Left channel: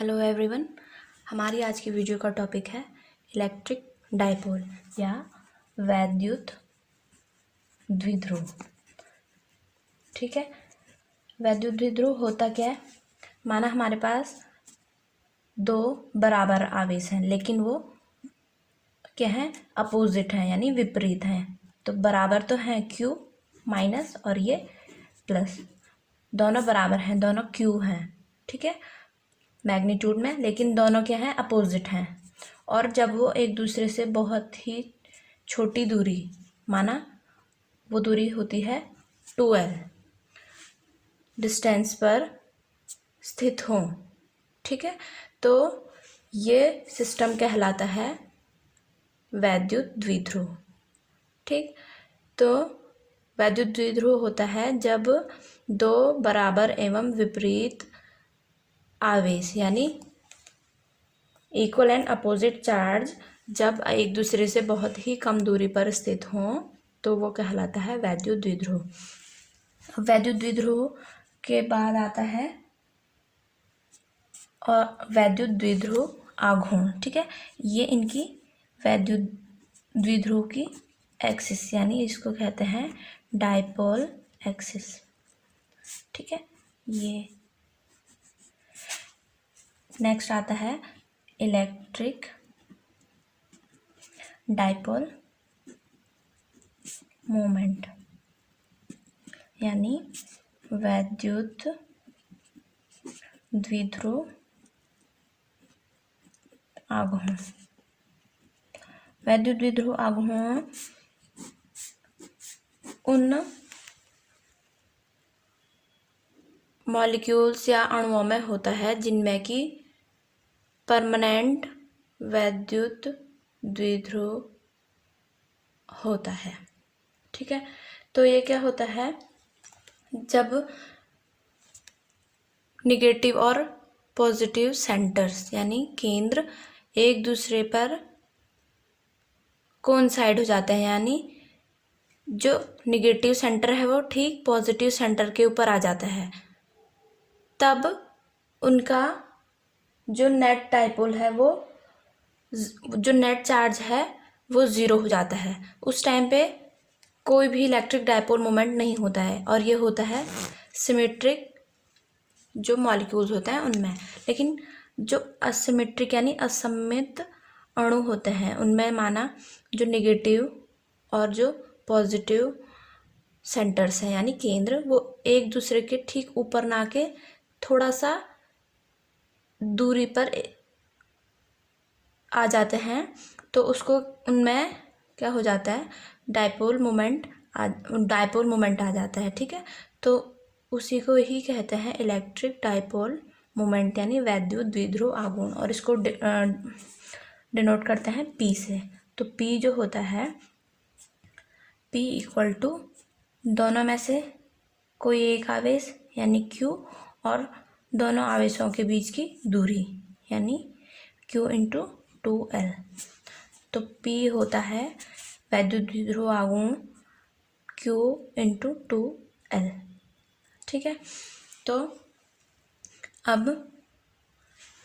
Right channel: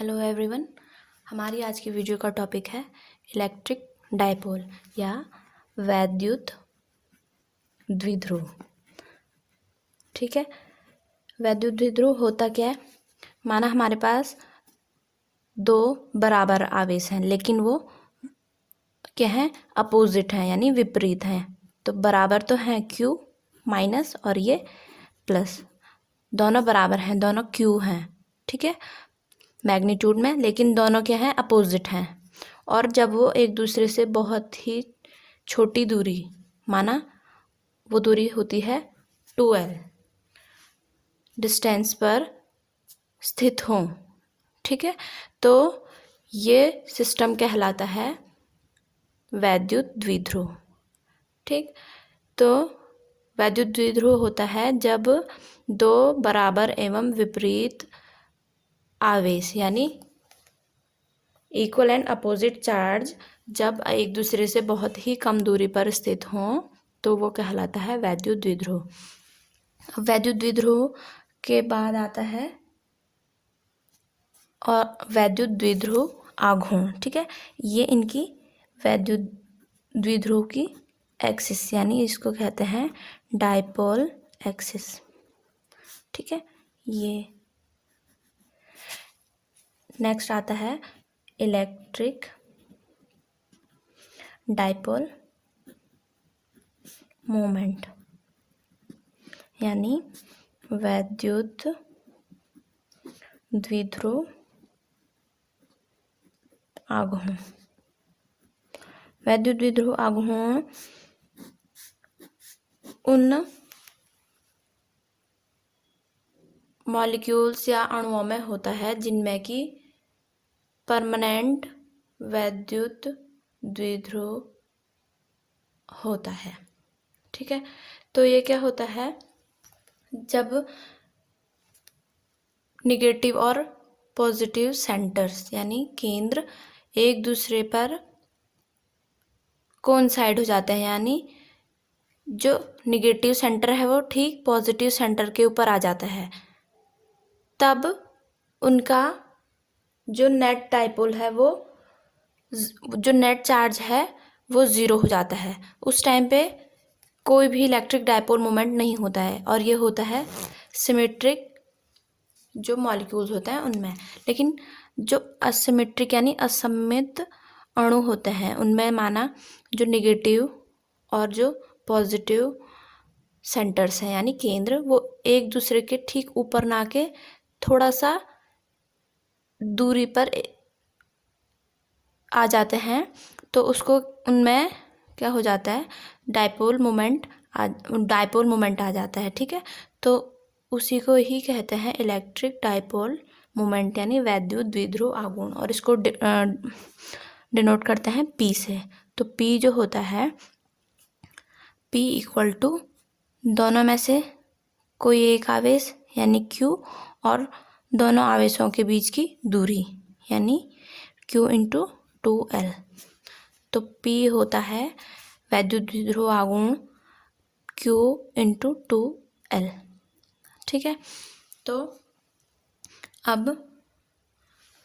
Hello everyone. हमारी आज की वीडियो का टॉपिक है इलेक्ट्रिक डायपोल या वैद्युत द्विध्रुव। ठीक है, वैद्युत द्विध्रुव होता क्या है? माना हमारे पास दो बराबर आवेश हैं, लेकिन वो क्या है, अपोजिट हैं यानी विपरीत हैं। तो बराबर तो हैं Q माइनस और ये प्लस, दोनों बराबर हैं, दोनों Q हैं। ठीक है, मैग्नीट्यूड में, लेकिन दोनों क्या हैं, अपोजिट हैं। और जब वो एक दूसरे से बहुत ही छोटी दूरी, माना वो दूरी होती है 2L डिस्टेंस पर स्थित हों, ठीक है, तो ये सिस्टम कहलाता है वैद्युत द्विध्रुव। ठीक, तो वैद्युत द्विध्रुव होता है जब दो बराबर एवं विपरीत आवेश यानी इक्वल एंड अपोजिट चार्ज जब एक दूसरे से बहुत ही कम दूरी पर स्थित हों तो वो कहलाता है वैद्युत द्विध्रुव। वैद्युत द्विध्रुव के बाद आता है और वैद्युत द्विध्रुव आघूर्ण। ठीक है, ये इनकी वैद्युत द्विध्रुव की एक्सिस यानी इसको कहते हैं डायपोल एक्सिस। ठीक है, ये नेक्स्ट आता है इलेक्ट्रिक डायपोल मोमेंट यानी वैद्युत द्विध्रुव आघूर्ण। वैद्युत द्विध्रुव आघूर्ण उन मॉलिक्यूल्स या अणुओं में होता है जिनमें कि परमानेंट वैद्युत द्विध्रुव होता है। ठीक है, तो ये क्या होता है, जब निगेटिव और पॉजिटिव सेंटर्स यानी केंद्र एक दूसरे पर कोइंसाइड हो जाते हैं, यानी जो निगेटिव सेंटर है वो ठीक पॉजिटिव सेंटर के ऊपर आ जाता है, तब उनका जो नेट डायपोल है वो जो नेट चार्ज है वो ज़ीरो हो जाता है। उस टाइम पे कोई भी इलेक्ट्रिक डायपोल मोमेंट नहीं होता है, और ये होता है सिमेट्रिक जो मॉलिक्यूल्स होते हैं उनमें। लेकिन जो असिमेट्रिक यानी असममित अणु होते हैं उनमें माना जो निगेटिव और जो पॉजिटिव सेंटर्स हैं यानी केंद्र, वो एक दूसरे के ठीक ऊपर ना के थोड़ा सा दूरी पर आ जाते हैं, तो उसको उनमें क्या हो जाता है, डायपोल मोमेंट आ जाता है। ठीक है, तो उसी को ही कहते हैं इलेक्ट्रिक डायपोल मोमेंट यानी वैद्युत द्विध्रुव आघूर्ण, और इसको डिनोट करते हैं P से। तो P जो होता है, P इक्वल टू दोनों में से कोई एक आवेश यानी Q और दोनों आवेशों के बीच की दूरी यानी Q इंटू 2L। तो P होता है वैद्युत द्विध्रुव आघूर्ण Q इंटू 2L। ठीक है, तो अब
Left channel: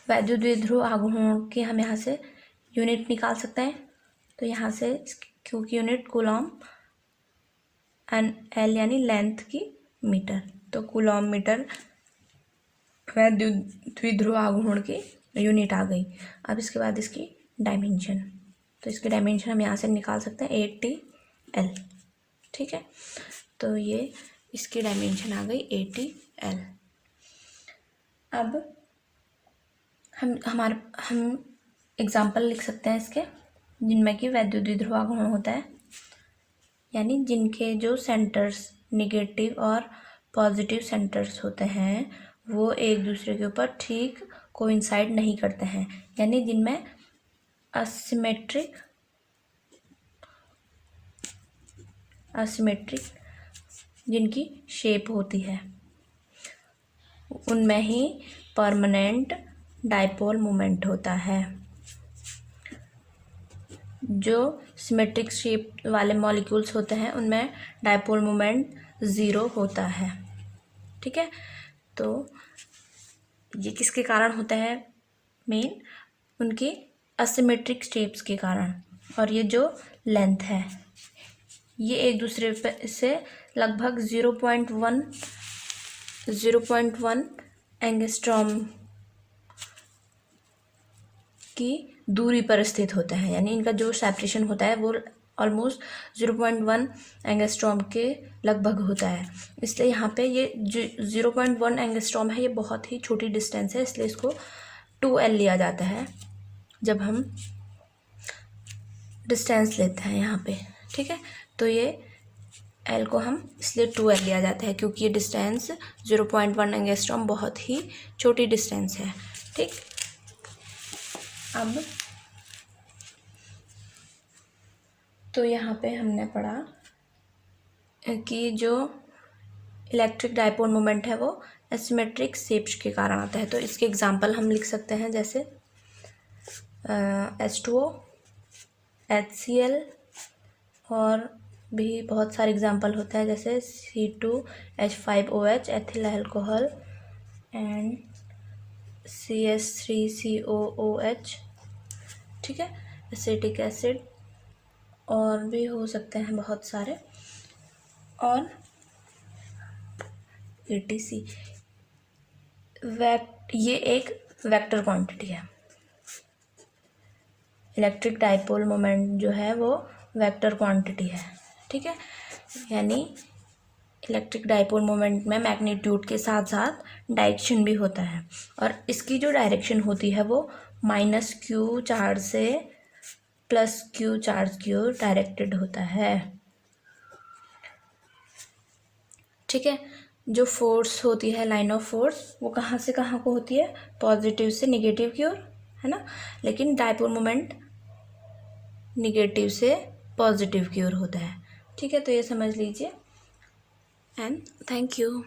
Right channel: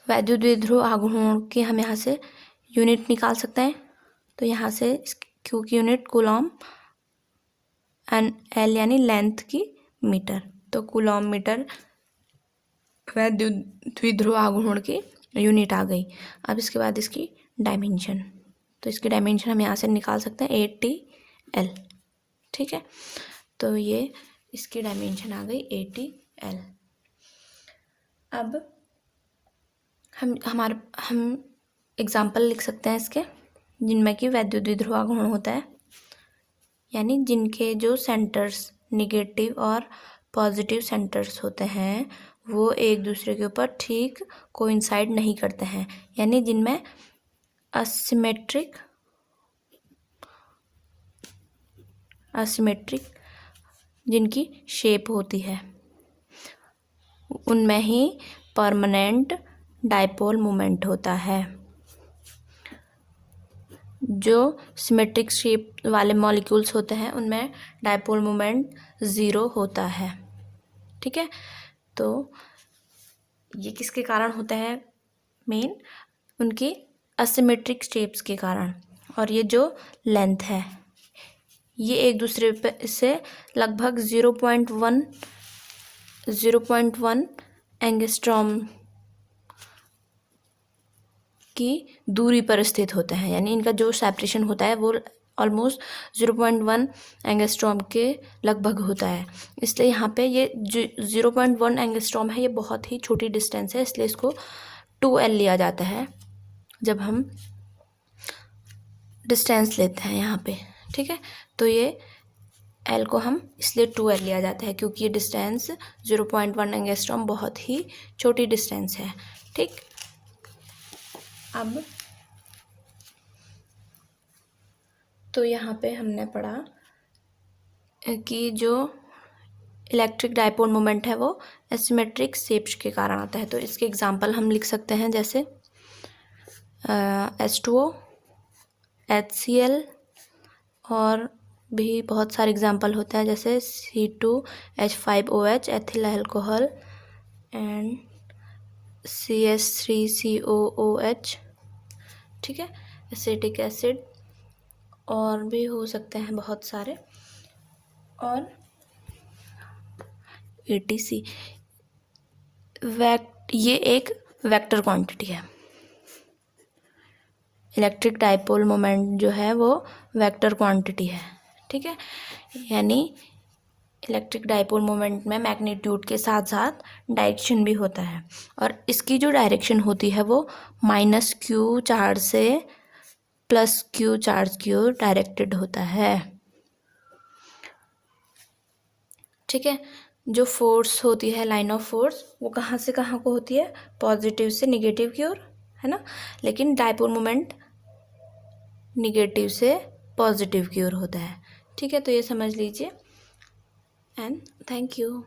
वैद्युत द्विध्रुव आघूर्ण की हम यहाँ से यूनिट निकाल सकते हैं। तो यहाँ से Q की यूनिट कूलॉम एंड L यानी लेंथ की मीटर, तो कूलॉम मीटर वैद्युत द्विध्रुव आघूर्ण की यूनिट आ गई। अब इसके बाद इसकी डायमेंशन, तो इसकी डायमेंशन हम यहाँ से निकाल सकते हैं 80L। ठीक है, तो ये इसकी डायमेंशन आ गई 80L। अब हम एग्जाम्पल लिख सकते हैं इसके, जिनमें कि वैद्युत द्विध्रुव आघूर्ण होता है, यानी जिनके जो सेंटर्स निगेटिव और पॉजिटिव सेंटर्स होते हैं वो एक दूसरे के ऊपर ठीक कोइंसाइड नहीं करते हैं, यानी जिनमें असिमेट्रिक जिनकी शेप होती है, उनमें ही परमानेंट डायपोल मोमेंट होता है। जो सिमेट्रिक शेप वाले मॉलिक्यूल्स होते हैं उनमें डायपोल मोमेंट ज़ीरो होता है। ठीक है, तो ये किसके कारण होता है, मेन उनकी असिमेट्रिक शेप्स के कारण। और ये जो लेंथ है ये एक दूसरे से लगभग 0.1 एंगस्ट्रॉम की दूरी पर स्थित होते हैं, यानी इनका जो सेपरेशन होता है वो ऑलमोस्ट 0.1 एंगस्ट्रॉम के लगभग होता है। इसलिए यहाँ पे ये 0.1 एंगस्ट्रॉम है, ये बहुत ही छोटी डिस्टेंस है, इसलिए इसको 2L लिया जाता है जब हम डिस्टेंस लेते हैं यहाँ पे। ठीक है, तो ये L को हम इसलिए 2L लिया जाता है क्योंकि ये डिस्टेंस 0.1 एंगस्ट्रॉम बहुत ही छोटी डिस्टेंस है। ठीक, अब तो यहाँ पे हमने पढ़ा कि जो इलेक्ट्रिक डायपोल मोमेंट है वो एसिमेट्रिक शेप्स के कारण आता है। तो इसके एग्जांपल हम लिख सकते हैं जैसे H2O, HCl, और भी बहुत सारे एग्जांपल होते हैं जैसे C2H5OH ethyl alcohol and CH3COOH। ठीक है, एसिटिक एसिड, और भी हो सकते हैं बहुत सारे, और ATC। ये एक वेक्टर क्वांटिटी है। इलेक्ट्रिक डायपोल मोमेंट जो है वो वेक्टर क्वांटिटी है। ठीक है, यानी इलेक्ट्रिक डायपोल मोमेंट में मैग्नीट्यूड के साथ साथ डायरेक्शन भी होता है, और इसकी जो डायरेक्शन होती है वो -Q चार्ज से +Q चार्ज की ओर डायरेक्टेड होता है। ठीक है, जो फोर्स होती है, लाइन ऑफ फोर्स, वो कहाँ से कहाँ को होती है, पॉजिटिव से निगेटिव की ओर, है ना। लेकिन डायपोल मोमेंट निगेटिव से पॉजिटिव की ओर होता है। ठीक है, तो ये समझ लीजिए, एंड थैंक यू।